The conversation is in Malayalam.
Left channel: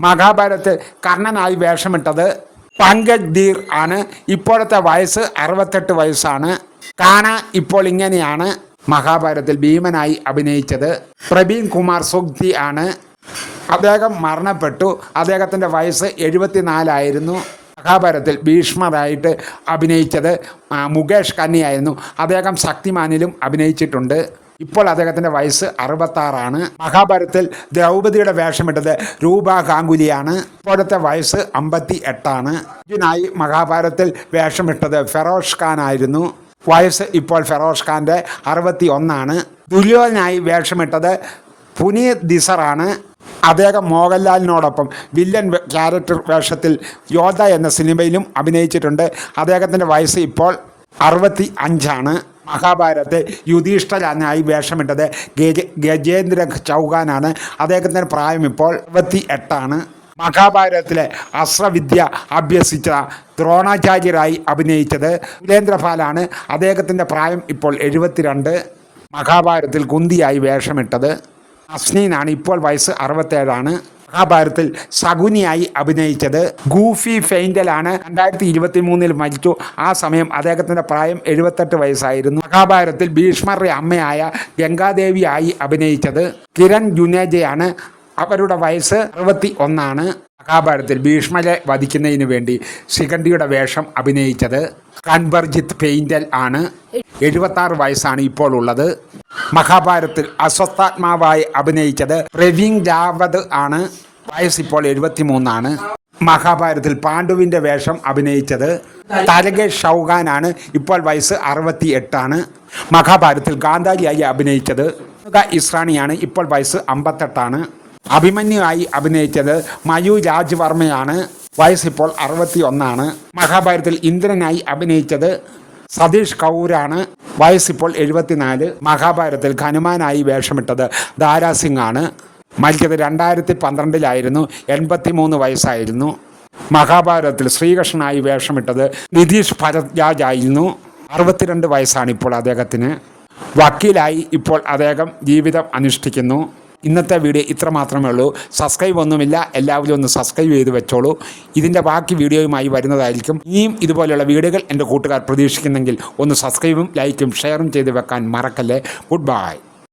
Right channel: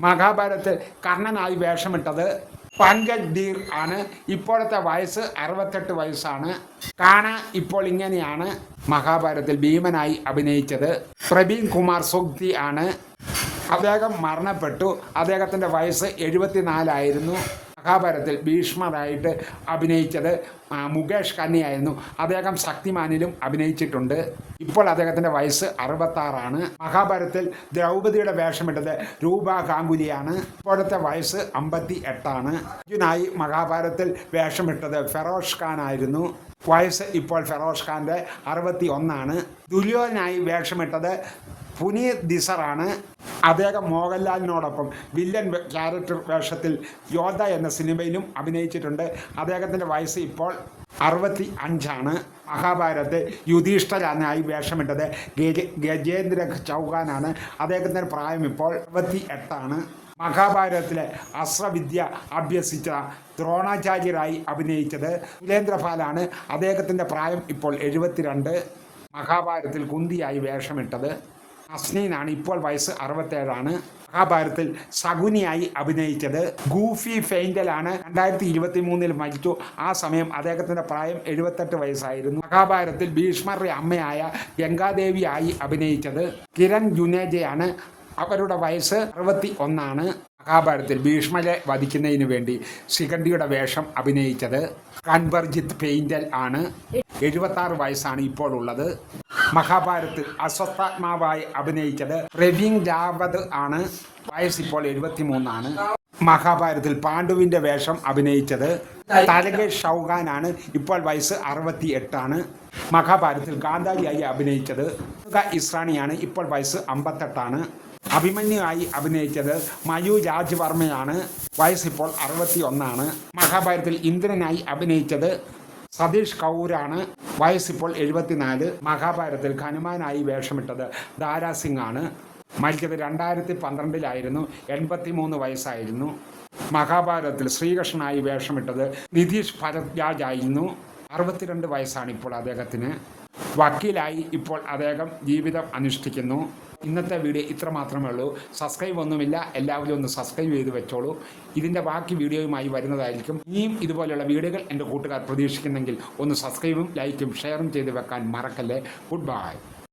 മഹാഭാരതത്തിൽ കർണനായി വേഷമിട്ടത് പങ്കജ് ധീർ ആണ്. ഇപ്പോഴത്തെ വയസ്സ് 68 വയസ്സാണ്. കാന ഇപ്പോൾ ഇങ്ങനെയാണ്. മഹാഭാരതത്തിൽ ഭീമനായി അഭിനയിച്ചത് പ്രവീൺ കുമാർ സുഗ്തി ആണ്. അദ്ദേഹം മരണപ്പെട്ടു. അദ്ദേഹത്തിൻ്റെ വയസ്സ് 74 മഹാഭാരതത്തിൽ ഭീഷ്മരായിട്ട് അഭിനയിച്ചത് മുകേഷ് കന്നിയായിരുന്നു. അദ്ദേഹം ശക്തിമാനിലും അഭിനയിച്ചിട്ടുണ്ട്. ഇപ്പോൾ അദ്ദേഹത്തിൻ്റെ വയസ്സ് 66. മഹാഭാരതത്തിൽ ദ്രൗപദിയുടെ വേഷമിട്ടത് രൂപ ഗാംഗുലിയാണ്. ഇപ്പോഴത്തെ വയസ്സ് 58. അർജുനായി മഹാഭാരതത്തിൽ വേഷമിട്ടത് ഫെറോസ് ഖാൻ ആയിരുന്നു. വയസ്സ് ഇപ്പോൾ ഫെറോസ് ഖാൻ്റെ 61. ദുര്യോധനായി വേഷമിട്ടത് പുനീത് ദിസറാണ്. അദ്ദേഹം മോഹൻലാലിനോടൊപ്പം വില്ലൻ ക്യാരക്ടർ വേഷത്തിൽ യോദ്ധ എന്ന സിനിമയിലും അഭിനയിച്ചിട്ടുണ്ട്. അദ്ദേഹത്തിൻ്റെ വയസ്സ് ഇപ്പോൾ 65. മഹാഭാരതത്തെ യുധിഷ്ഠിരനായി വേഷമിട്ടത് ഗജേന്ദ്ര ചൗഹാനാണ്. അദ്ദേഹത്തിൻ്റെ പ്രായം ഇപ്പോൾ 68. മഹാഭാരതത്തിലെ അസ്ത്രവിദ്യ അഭ്യസിച്ച ദ്രോണാചാര്യരായി അഭിനയിച്ചത് വീരേന്ദ്രപാലാണ്. അദ്ദേഹത്തിൻ്റെ പ്രായം ഇപ്പോൾ 72. മഹാഭാരതത്തിൽ കുന്തിയായി വേഷമിട്ടത് അസ്നീനാണ്. ഇപ്പോൾ വയസ്സ് 67. മഹാഭാരതത്തിൽ ശകുനിയായി അഭിനയിച്ചത് ഗൂഫി ഫെയിൻഡലാണ്. 2023 മരിച്ചു. ആ സമയം അദ്ദേഹത്തിൻ്റെ പ്രായം 78 വയസ്സായിരുന്നു. മഹാഭാരതത്തിൽ ഭീഷ്മരുടെ അമ്മയായ ഗംഗാദേവിയായി അഭിനയിച്ചത് കിരൺ ജുനേജയാണ്. അവരുടെ വയസ്സ് 61. മഹാഭാരതത്തിൽ ഭീഷ്മരെ വധിക്കുന്നതിന് വേണ്ടി ശിഖണ്ഡിയുടെ വേഷം അഭിനയിച്ചത് കൻവർജിത്ത് പെയിൻഡൽ ആണ്. 76 വയസ്സാണ് ഇപ്പോൾ ഉള്ളത്. മഹാഭാരതത്തിൽ അസ്വസ്ഥാത്മാവായി അഭിനയിച്ചത് പ്രവീൺ രാവത് ആണ്. വയസ്സ് ഇപ്പോൾ 73. മഹാഭാരതത്തിൽ പാണ്ഡുവിൻ്റെ വേഷം അഭിനയിച്ചത് തരകേഷ് ചൗഹാനാണ്. ഇപ്പോൾ വയസ്സ് 68. മഹാഭാരതത്തിൽ ഗാന്ധാരിയായി അഭിനയിച്ചത് ഇസ്രാണിയാണ്. ഇപ്പോൾ വയസ്സ് 58. അഭിമന്യുവായി അഭിനയിച്ചത് മയു രാജ്വർമ്മയാണ്. വയസ്സിപ്പോൾ 61. മഹാഭാരതത്തിൽ ഇന്ദ്രനായി അഭിനയിച്ചത് സതീഷ് കൗരാണ്. വയസ്സിപ്പോൾ 74. മഹാഭാരതത്തിൽ ഹനുമാനായി വേഷമിട്ടത് ദാരാസിംഗ് ആണ്. മരിച്ചത് 2012 83 വയസ്സായിരുന്നു. മഹാഭാരതത്തിൽ ശ്രീകൃഷ്ണനായി വേഷമിട്ടത് നിതീഷ് ഭരദ്വാജ് ആയിരുന്നു. 62 വയസ്സാണ് ഇപ്പോൾ അദ്ദേഹത്തിന്. വക്കീലായി ഇപ്പോൾ അദ്ദേഹം ജീവിതം അനുഷ്ഠിക്കുന്നു. ഇന്നത്തെ വീഡിയോ ഇത്ര മാത്രമേ ഉള്ളൂ. സബ്സ്ക്രൈബ് ഒന്നുമില്ല. എല്ലാവരും ഒന്ന് സബ്സ്ക്രൈബ് ചെയ്ത് വെച്ചോളൂ. ഇതിൻ്റെ ബാക്കി വീഡിയോയുമായി വരുന്നതായിരിക്കും. ഇനിയും ഇതുപോലെയുള്ള വീഡിയോകൾ എൻ്റെ കൂട്ടുകാർ പ്രതീക്ഷിക്കുന്നെങ്കിൽ ഒന്ന് സബ്സ്ക്രൈബും ലൈക്കും ഷെയറും ചെയ്ത് വെക്കാൻ മറക്കല്ലേ. Good bye.